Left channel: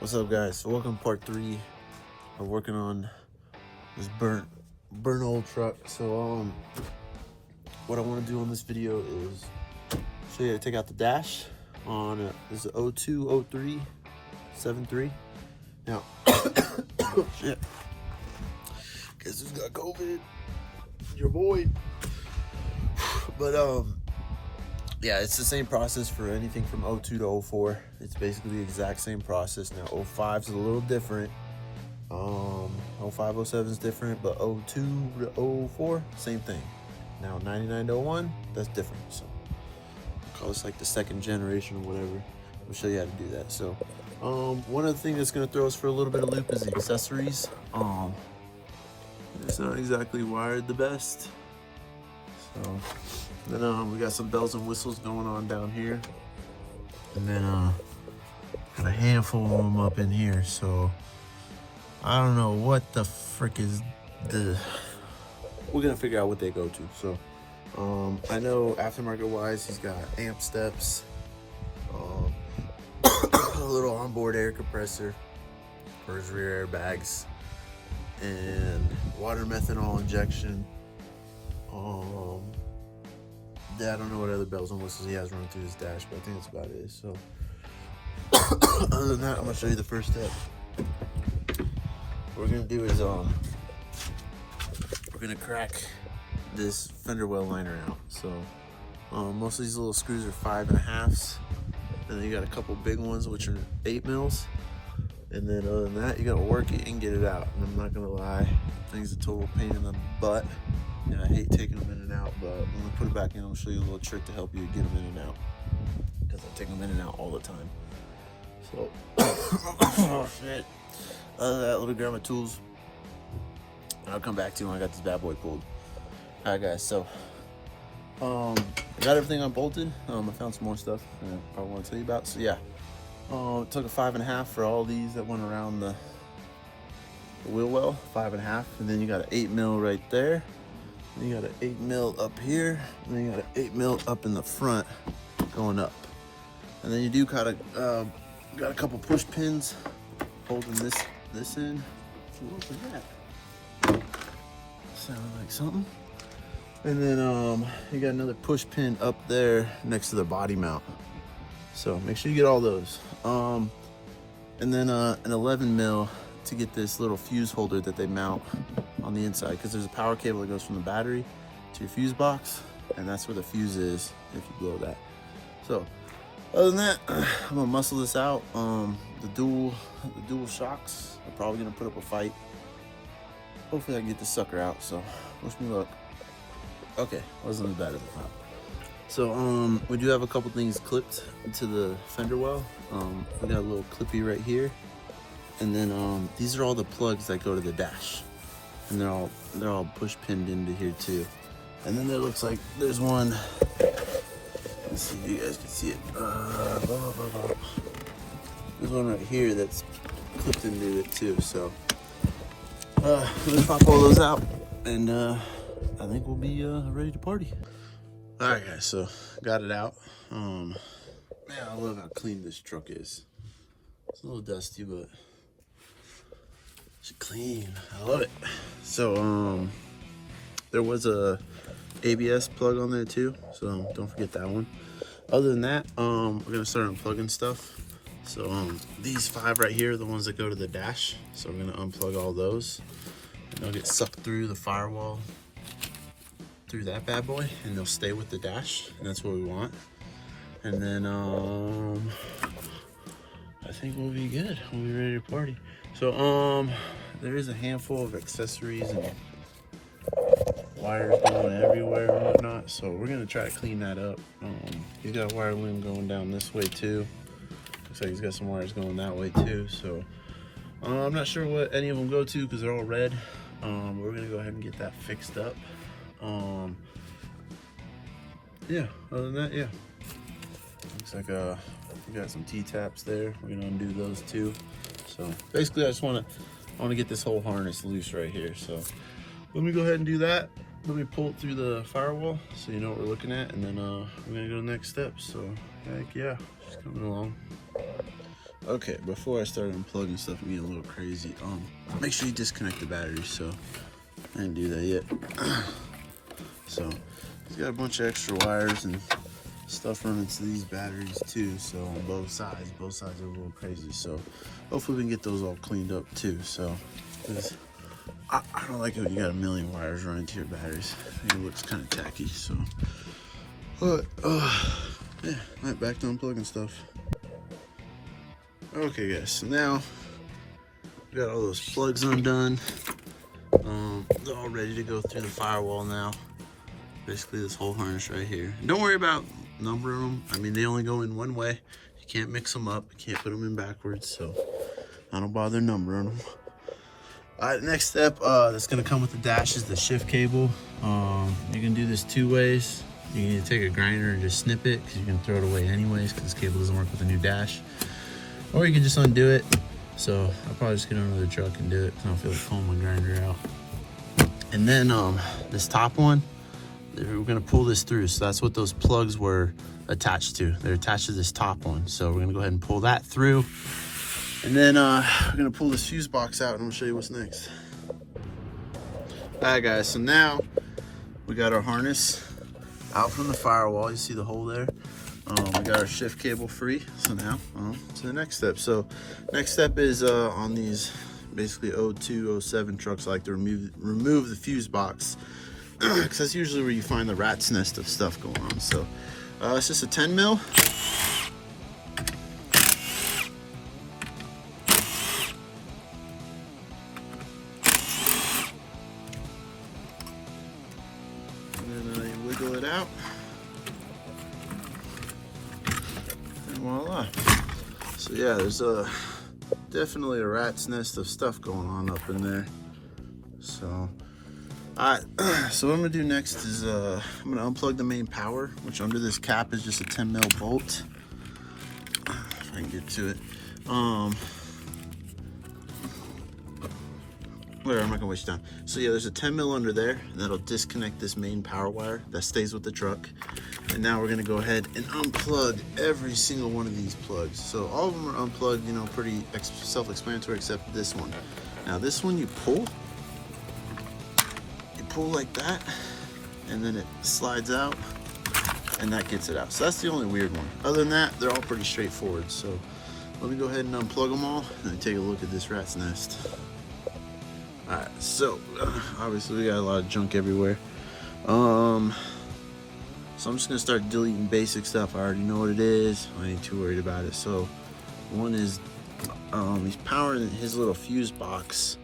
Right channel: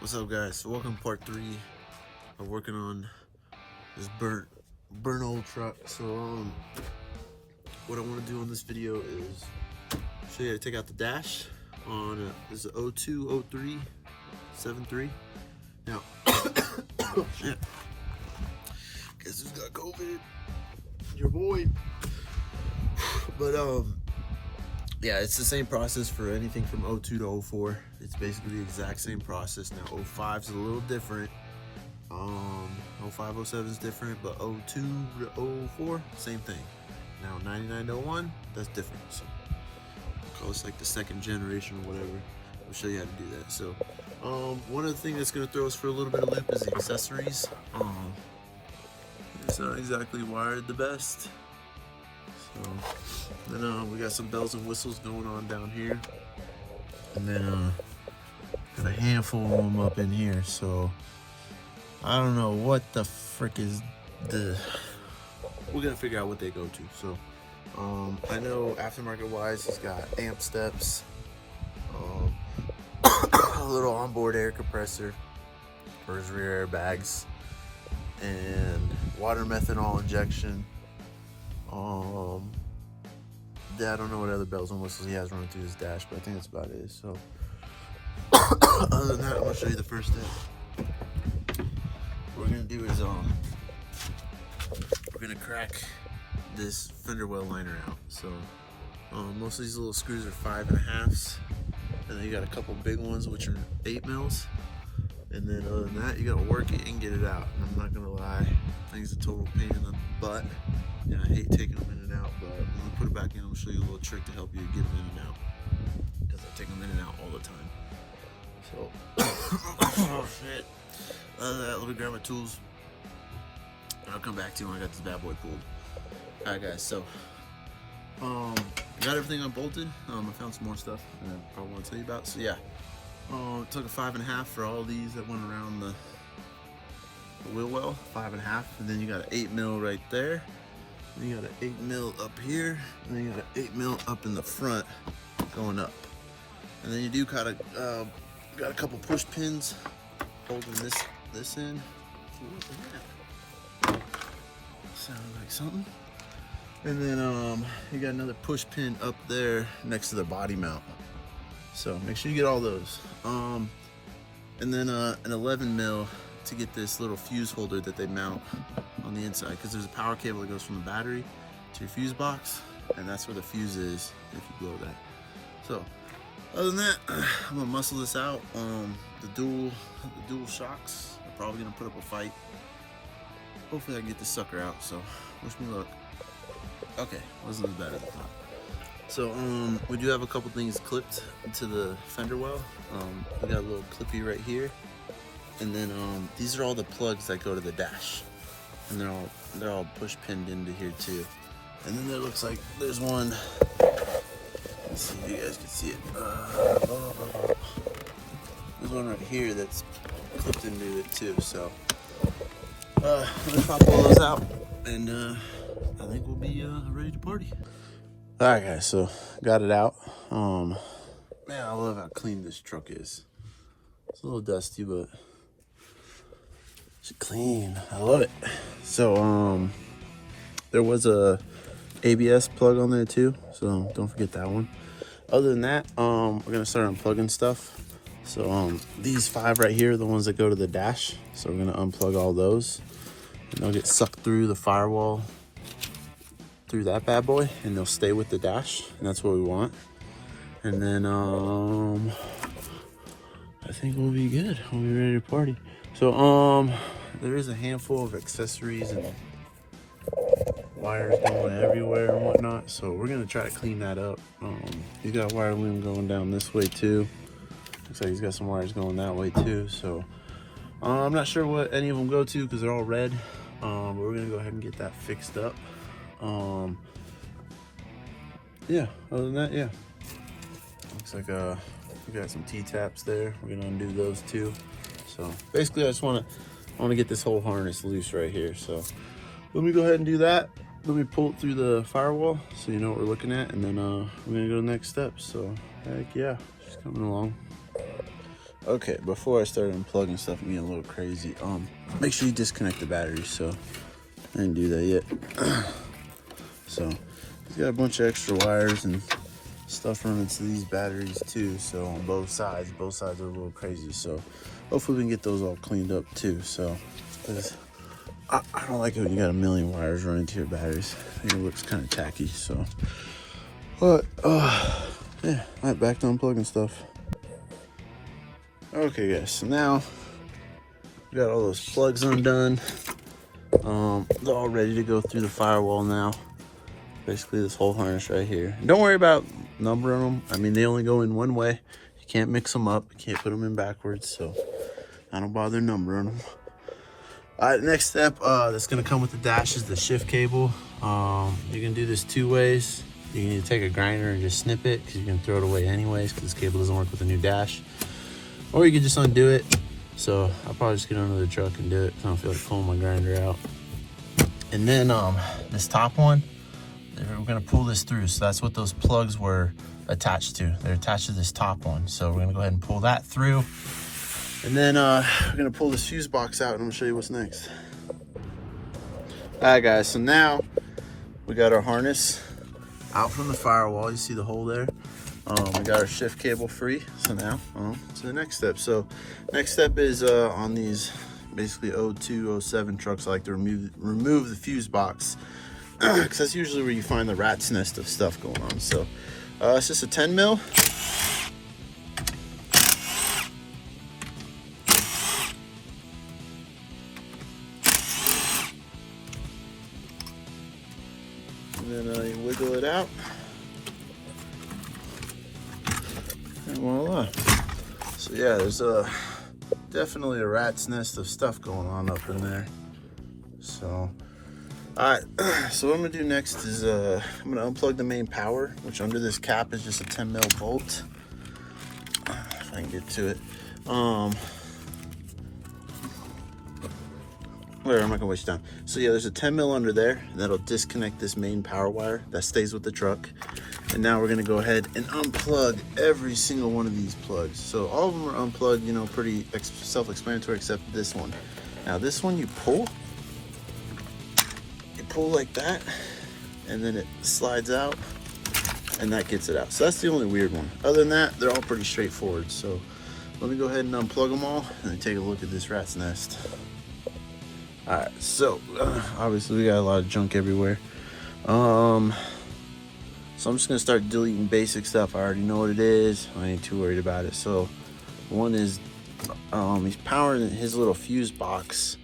What's up, guys? So welcome to part 3. We're working on this burnt old truck. So what I want to do on this video is show you how to take out the dash on this is a 0203 73. Now shit, guess who's got COVID? Your boy. But yeah, it's the same process for anything from 02 to 04. It's basically the exact same process. Now 05 is a little different. 05, 07 is different, but 02 to 04, same thing. Now 99 to 01, that's different. So call this like the second generation or whatever. I'll show you how to do that. So one of the things that's gonna throw us for a little bit of loop is the accessories. It's not exactly wired the best. So then we got some bells and whistles going on down here, and then got a handful of them up in here. So I don't know what the frick is the. We're gonna figure out what they go to. So I know aftermarket wise, he's got amp steps, a little onboard air compressor for his rear airbags, and water methanol injection. Yeah, I don't know what other bells and whistles he has running through his dash, but I think that's about it. So, other than that, I'm gonna show you the first step. What we're gonna do is we're gonna crack this fender well liner out. So, most of these little screws are 5.5s, and then you got a couple big ones which are 8 mils. And then other than that, you gotta work it and get it out. And I'm not gonna lie, things a total pain in the butt. Yeah, I hate taking them in and out, but when I put it back in, I'll show you a little trick to help you get them in and out, because I take them in and out all the time. So, oh shit. Other than that, let me grab my tools, and I'll come back to you when I got this bad boy pulled. All right, guys. So, I got everything unbolted. I found some more stuff that I want to tell you about. So yeah, it took a 5.5 for all these that went around the wheel well, 5.5, and then you got an 8 mil right there. Then you got an 8 mil up here, and then you got an 8 mil up in the front going up. And then you do kind of got a couple push pins holding this in. So look at that. Sound like something. And then you got another push pin up there next to the body mount. So make sure you get all those. And then an 11 mil to get this little fuse holder that they mount on the inside, because there's a power cable that goes from the battery to your fuse box, and that's where the fuse is if you blow that. So other than that, I'm gonna muscle this out. The dual shocks, I'm probably gonna put up a fight. Hopefully I get this sucker out, so wish me luck. Okay, wasn't as bad as I thought. So we do have a couple things clipped to the fender well. We got a little clippy right here. And then these are all the plugs that go to the dash, and they're all push pinned into here too. And then there looks like there's one. Let's see if you guys can see it. There's one right here that's clipped into it too. So I'm gonna pop all those out, and I think we'll be ready to party. All right, guys. So got it out. Man, I love how clean this truck is. It's a little dusty, but clean. I love it. So there was a ABS plug on there too, so don't forget that one. Other than that, we're gonna start unplugging stuff. So these 5 right here are the ones that go to the dash, so we're gonna unplug all those, and they'll get sucked through the firewall through that bad boy, and they'll stay with the dash, and that's what we want. And then I think we'll be good. We'll be ready to party. So there is a handful of accessories and wires going everywhere and whatnot, so we're gonna try to clean that up. He's got wire loom going down this way too. Looks like he's got some wires going that way too. So I'm not sure what any of them go to because they're all red. But we're gonna go ahead and get that fixed up. Yeah, other than that, yeah. Looks like we got some T-taps there. We're gonna undo those too. So basically I want to get this whole harness loose right here. So let me go ahead and do that. Let me pull it through the firewall so you know what we're looking at, and then I'm gonna go to the next steps. So heck yeah, coming along. Okay, before I start unplugging stuff and getting a little crazy, make sure you disconnect the batteries. So I didn't do that yet. So he's got a bunch of extra wires and stuff running to these batteries too. So on both sides are a little crazy. So hopefully we can get those all cleaned up too. So because I don't like it when you got a million wires running to your batteries. I think it looks kind of tacky. So, but yeah, all right, back to unplugging stuff. Okay guys, so now we got all those plugs undone. They're all ready to go through the firewall now. Basically this whole harness right here. And don't worry about numbering them. I mean, they only go in one way. You can't mix them up. You can't put them in backwards, so I don't bother numbering them. All right, next step that's gonna come with the dash is the shift cable. You can do this two ways. You can either take a grinder and just snip it, because you can throw it away anyways, because this cable doesn't work with the new dash. Or you can just undo it. So I'll probably just get under the truck and do it, because I don't feel like pulling my grinder out. And then this top one, we're gonna pull this through. So that's what those plugs were attached to. They're attached to this top one. So we're gonna go ahead and pull that through. And then we're gonna pull this fuse box out and I'm gonna show you what's next. All right guys, so now we got our harness out from the firewall. You see the hole there? We got our shift cable free. So now to the next step. So next step is on these basically 02, 07 trucks, I like to remove the fuse box, because that's usually where you find the rat's nest of stuff going on. So it's just a 10 mil. And then you wiggle it out. And voila. So yeah, there's definitely a rat's nest of stuff going on up in there. So, all right, so what I'm gonna do next is I'm gonna unplug the main power, which under this cap is just a 10 mil bolt. If I can get to it. Whatever, I'm not gonna waste time. So yeah, there's a 10 mil under there, and that'll disconnect this main power wire that stays with the truck. And now we're gonna go ahead and unplug every single one of these plugs. So all of them are unplugged, you know, pretty self-explanatory, except this one. Now this one you pull like that, and then it slides out, and that gets it out. So that's the only weird one. Other than that, they're all pretty straightforward. So let me go ahead and unplug them all, and then take a look at this rat's nest. All right, so obviously we got a lot of junk everywhere. So I'm just gonna start deleting basic stuff. I already know what it is. I ain't too worried about it. So one is he's powering his little fuse box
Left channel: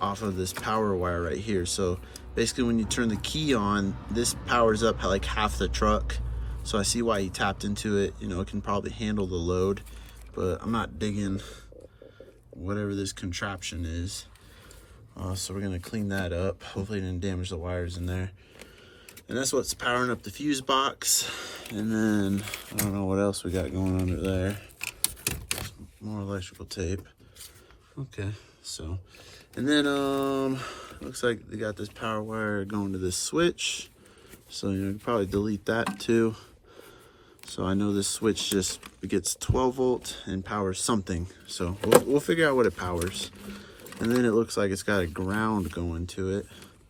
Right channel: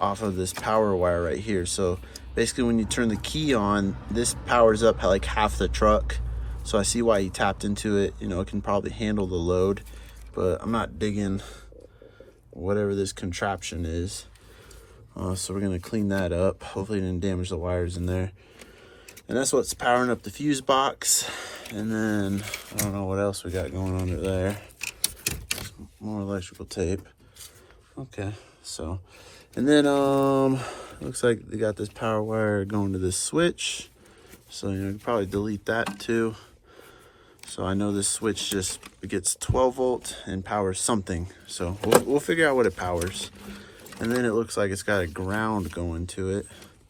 off of this power wire right here. So basically when you turn the key on, this powers up like half the truck. So I see why he tapped into it. You know, it can probably handle the load, but I'm not digging whatever this contraption is. So we're gonna clean that up. Hopefully it didn't damage the wires in there. And that's what's powering up the fuse box. And then I don't know what else we got going under there. More electrical tape. Okay, so, and then looks like they got this power wire going to this switch. So you can probably delete that too. So I know this switch just gets 12 volt and powers something. So we'll figure out what it powers. And then it looks like it's got a ground going to it.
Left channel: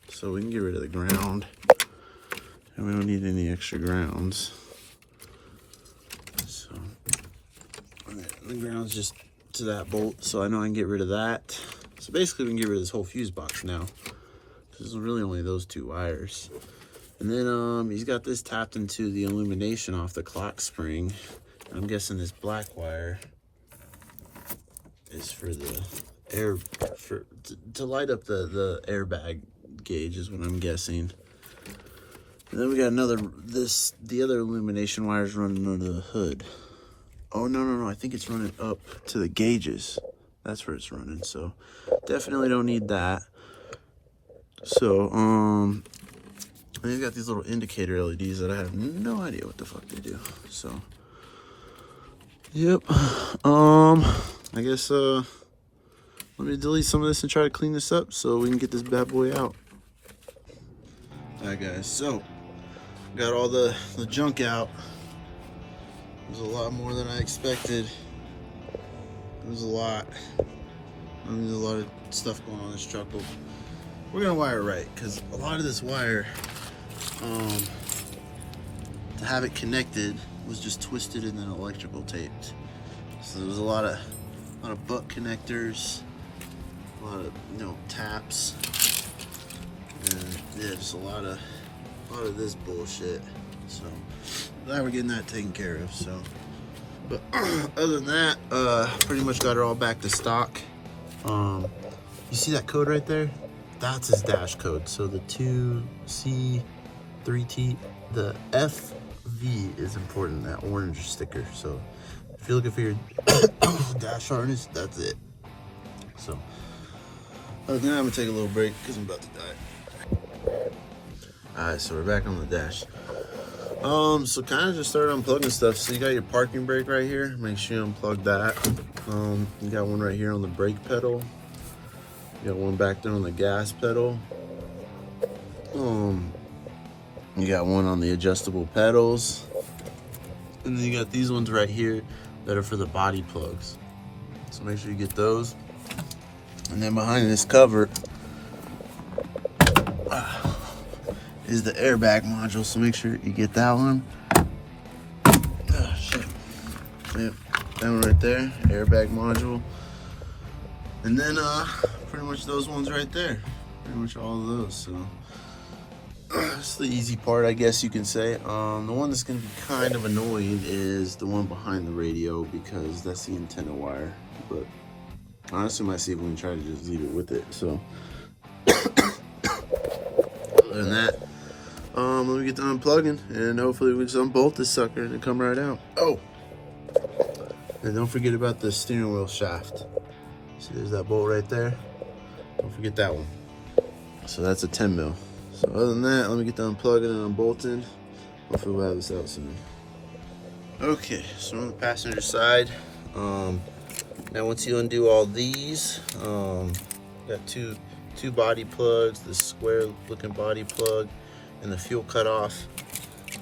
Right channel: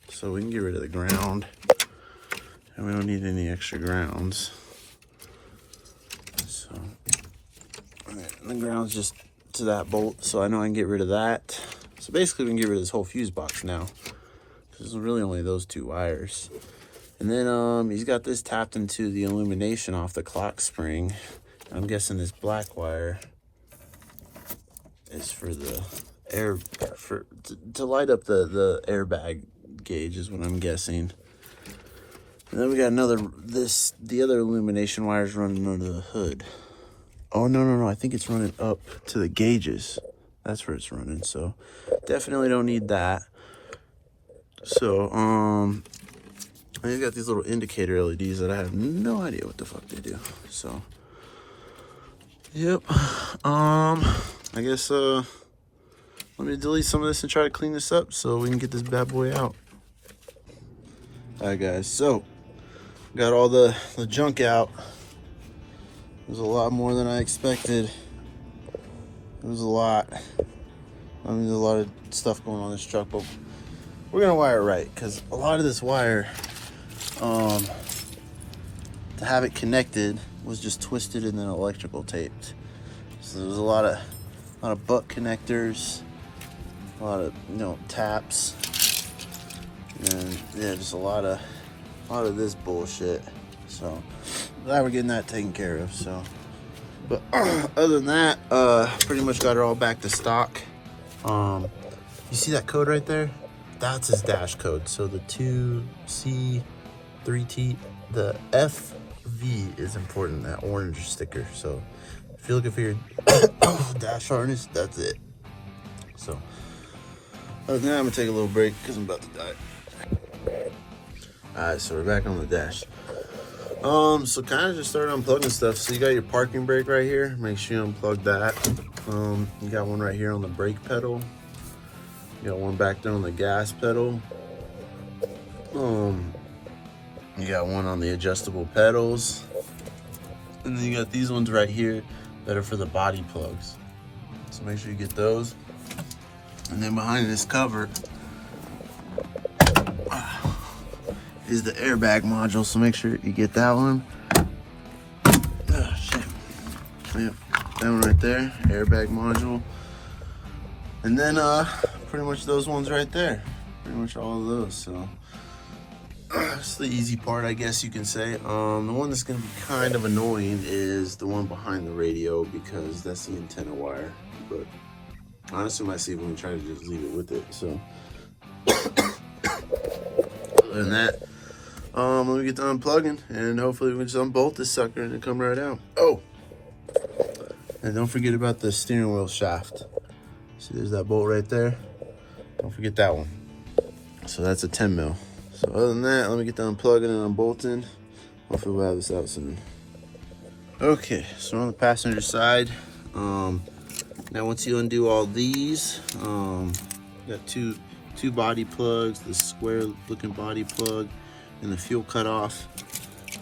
So we can get rid of the ground. And we don't need any extra grounds. So the ground's just to that bolt. So I know I can get rid of that. So basically we can get rid of this whole fuse box now. There's really only those two wires. And then he's got this tapped into the illumination off the clock spring. I'm guessing this black wire is for the air, to light up the airbag gauge is what I'm guessing. And then we got the other illumination wire is running under the hood. Oh, no, I think it's running up to the gauges. That's where it's running, so definitely don't need that. So, and he's got these little indicator LEDs that I have no idea what the fuck they do. So, yep. I guess, let me delete some of this and try to clean this up so we can get this bad boy out. All right, guys, so got all the junk out. There's a lot more than I expected. there's a lot. I mean, there's a lot of stuff going on in this truck, but we're gonna wire it right, because a lot of this wire, to have it connected, was just twisted and then electrical taped. So there's a lot of butt connectors, a lot of, you know, taps, and yeah, just a lot of this bullshit. So glad we're getting that taken care of. So, but other than that, pretty much got it all back to stock. You see that code right there? That's his dash code. So the 2C, 3T, the FV is important, that orange sticker. So if you're looking for your dash harness, that's it. So other than that, I'm gonna take a little break because I'm about to die. All right, so we're back on the dash. So kind of just start unplugging stuff. So you got your parking brake right here. Make sure you unplug that. You got one right here on the brake pedal. You got one back there on the gas pedal. You got one on the adjustable pedals. And then you got these ones right here that are for the body plugs. So make sure you get those. And then behind this cover is the airbag module, so make sure you get that one. Oh, shit. Yep, that one right there, airbag module. And then pretty much those ones right there. Pretty much all of those, so. That's the easy part, I guess you can say. The one that's gonna be kind of annoying is the one behind the radio, because that's the antenna wire. But honestly, I see if we can try to just leave it with it, so. Other than that, let me get to unplugging, and hopefully we can just unbolt this sucker and come right out. Oh, and don't forget about the steering wheel shaft. See, there's that bolt right there. Don't forget that one. So that's a 10 mil. So other than that, let me get to unplugging and unbolting. Hopefully we'll have this out soon. Okay, so on the passenger side, now once you undo all these, you got two body plugs, the square looking body plug, and the fuel cutoff,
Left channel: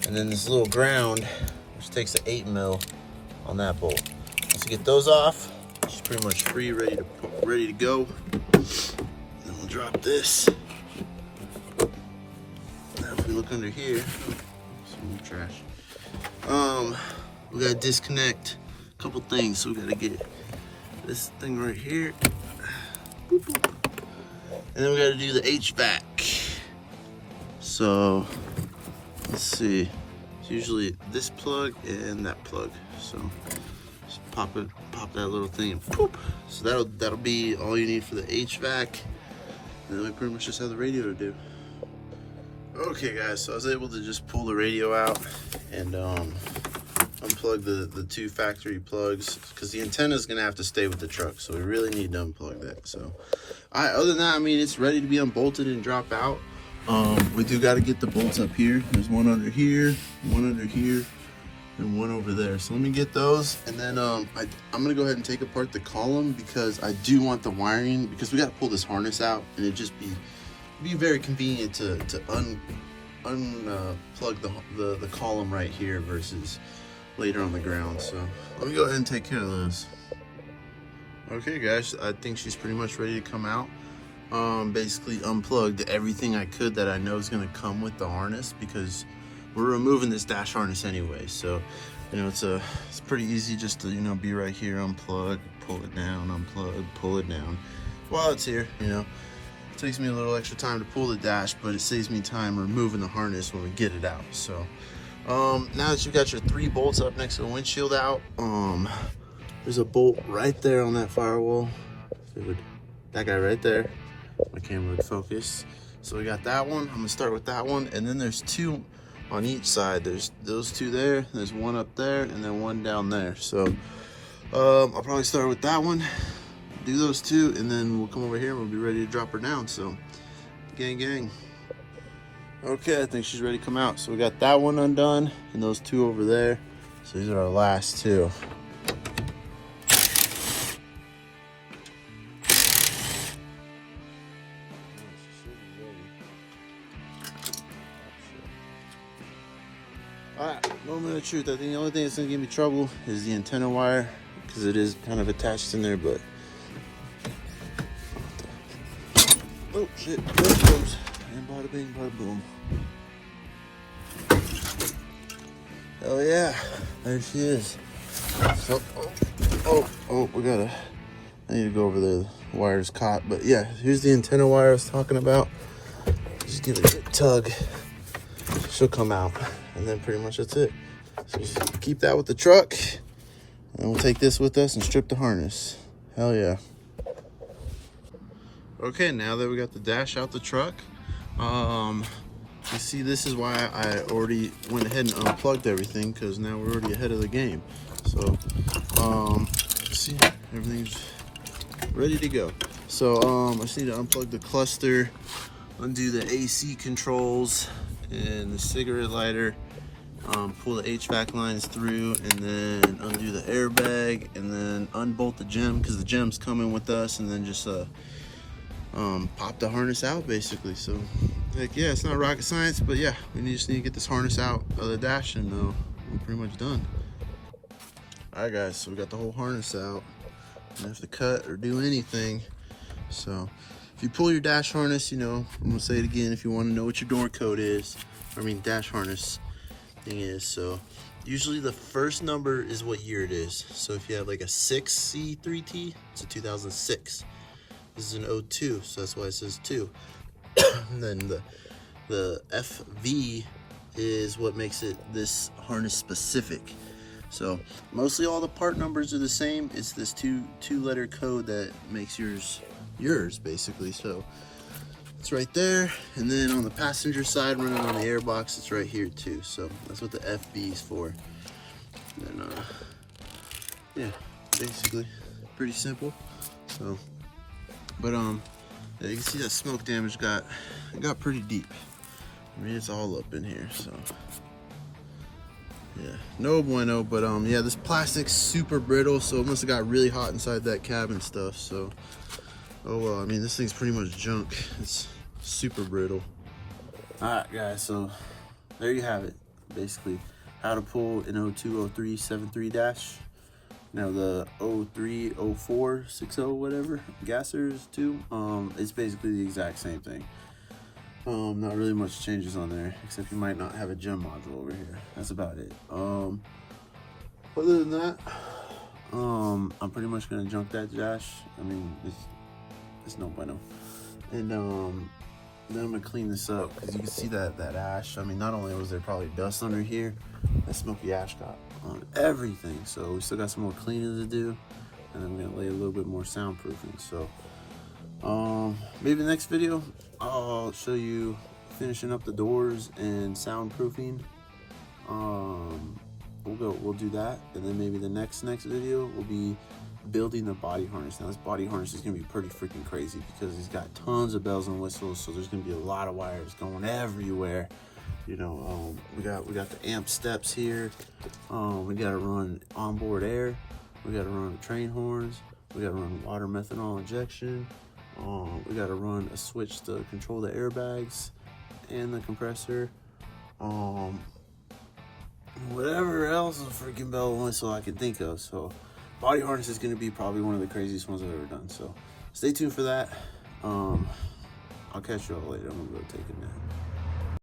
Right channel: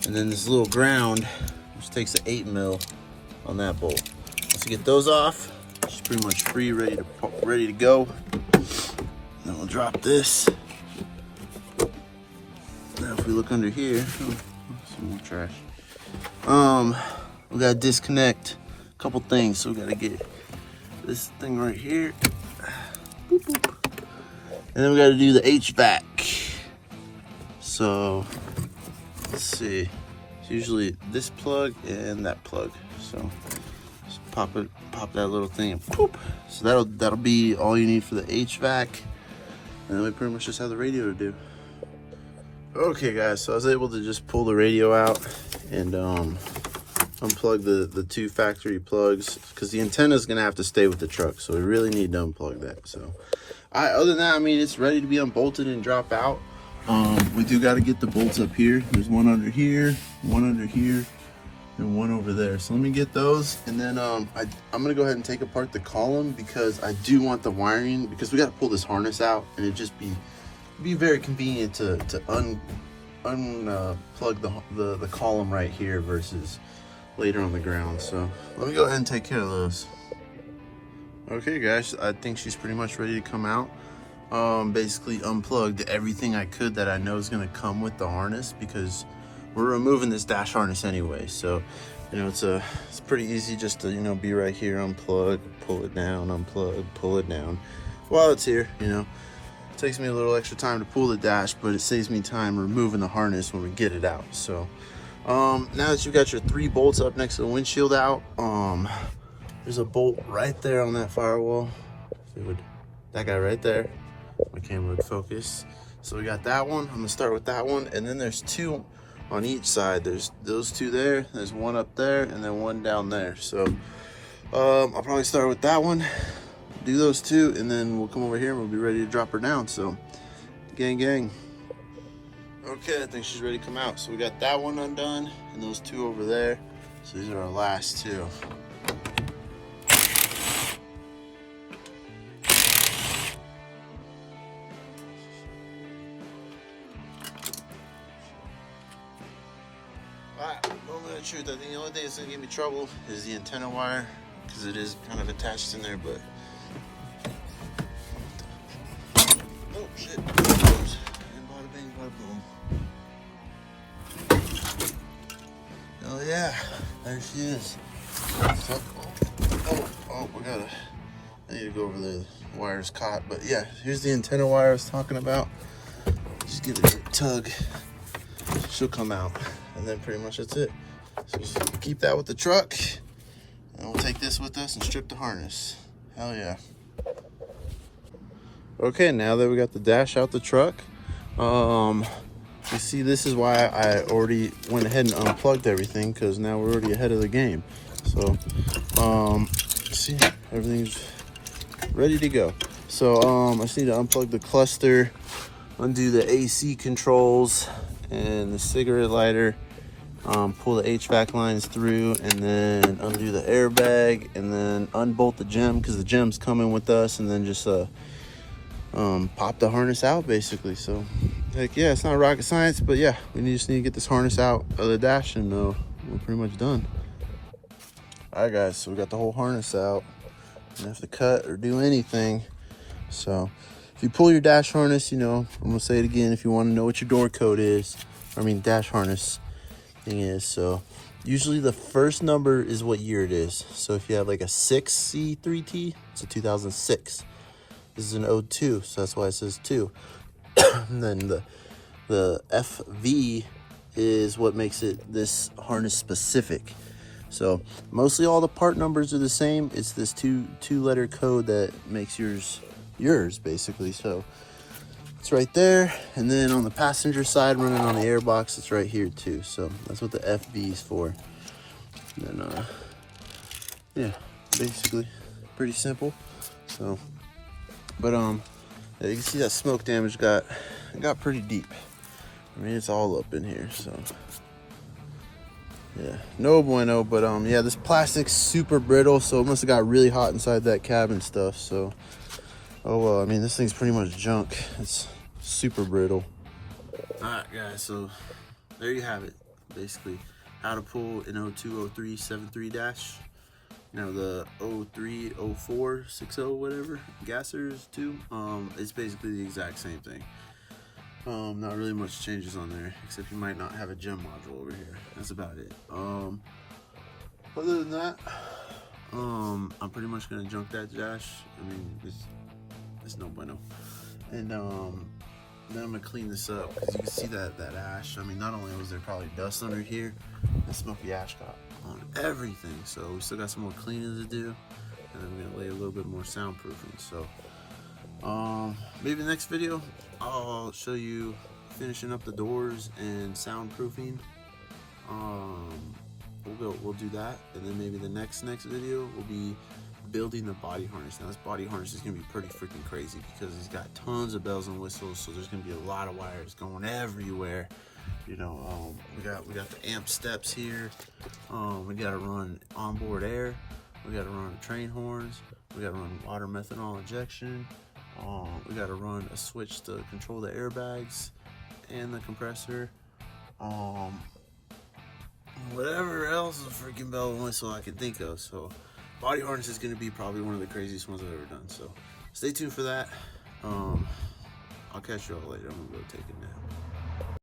and then this little ground, which takes an 8 mil on that bolt. Once you get those off, it's pretty much free, ready to go. Then we'll drop this. Now if we look under here, some more trash. We gotta disconnect a couple things. So we gotta get this thing right here. Boop, boop. And then we gotta do the HVAC. So let's see. It's usually this plug and that plug. So just pop that little thing and poop. So that'll be all you need for the HVAC. And then we pretty much just have the radio to do. Okay guys, so I was able to just pull the radio out and unplug the two factory plugs, because the antenna is gonna have to stay with the truck, so we really need to unplug that. So other than that, I mean, it's ready to be unbolted and drop out. We do got to get the bolts up here. There's one under here, and one over there. So let me get those, and then I'm gonna go ahead and take apart the column, because I do want the wiring, because we got to pull this harness out, and it just be very convenient to unplug the column right here versus later on the ground. So let me go ahead and take care of those. Okay guys, I think she's pretty much ready to come out. Basically unplugged everything I could that I know is going to come with the harness, because we're removing this dash harness anyway. So, you know, it's pretty easy just to, you know, be right here, unplug, pull it down, unplug, pull it down. While it's here, you know, it takes me a little extra time to pull the dash, but it saves me time removing the harness when we get it out. So, now that you got your 3 bolts up next to the windshield out, there's a bolt right there on that firewall. That guy right there. My camera would focus. So we got that one. I'm gonna start with that one, and then there's 2 on each side. There's those 2 there. There's one up there, and then one down there. So I'll probably start with that one, do those 2, and then we'll come over here and we'll be ready to drop her down. So gang. Okay, I think she's ready to come out. So we got that one undone and those 2 over there. So these are our last 2. Alright, moment of truth. I think the only thing that's gonna give me trouble is the antenna wire, because it is kind of attached in there, but oh shit, and bada bing, bada boom. Oh yeah, there she is. Oh, I need to go over there. The wire's caught, but yeah, here's the antenna wire I was talking about. Just give it a good tug. She'll come out, and then pretty much that's it. So just keep that with the truck, and we'll take this with us and strip the harness. Hell yeah. Okay, now that we got the dash out the truck, you see, this is why I already went ahead and unplugged everything, because now we're already ahead of the game. So, see, everything's ready to go. So, I just need to unplug the cluster, undo the AC controls and the cigarette lighter, pull the HVAC lines through, and then undo the airbag, and then unbolt the gem, because the gem's coming with us, and then just pop the harness out, basically. So, like, yeah, it's not rocket science, but yeah, we just need to get this harness out of the dash, and we're pretty much done. All right, guys, so we got the whole harness out. Don't have to cut or do anything. So if you pull your dash harness, I'm gonna say it again, if you want to know what your door code is, dash harness thing is. So usually the first number is what year it is. So if you have like a 6C3T, it's a 2006. This is an 02, so that's why it says 2. And then the FV is what makes it this harness specific. So mostly all the part numbers are the same. It's this two-letter code that makes yours basically. So it's right there, and then on the passenger side, running on the airbox, it's right here too. So that's what the FB is for. And then yeah, basically pretty simple. So, but yeah, you can see that smoke damage got pretty deep. It's all up in here. So yeah, no bueno. But yeah, this plastic's super brittle, so it must have got really hot inside that cabin stuff. So oh well, this thing's pretty much junk. It's super brittle. All right, guys, so there you have it. Basically, how to pull an 0203 73 dash. Now the 03 04 60 whatever gassers too. It's basically the exact same thing. Not really much changes on there, except you might not have a gem module over here. That's about it. Other than that, I'm pretty much gonna junk that dash. It's no bueno. And then I'm gonna clean this up, because you can see that ash. Not only was there probably dust under here, that smoky ash got on everything. So we still got some more cleaning to do, and then we're gonna lay a little bit more soundproofing. So maybe the next video I'll show you finishing up the doors and soundproofing. We'll do that, and then maybe the next video will be building the body harness. Now this body harness is gonna be pretty freaking crazy, because he's got tons of bells and whistles, so there's gonna be a lot of wires going everywhere. We got the amp steps here. We gotta run onboard air. We gotta run train horns. We gotta run water methanol injection. We gotta run a switch to control the airbags and the compressor. Whatever else a freaking bell and whistle I can think of. So body harness is gonna be probably one of the craziest ones I've ever done. So stay tuned for that. I'll catch you all later. I'm gonna go take a nap.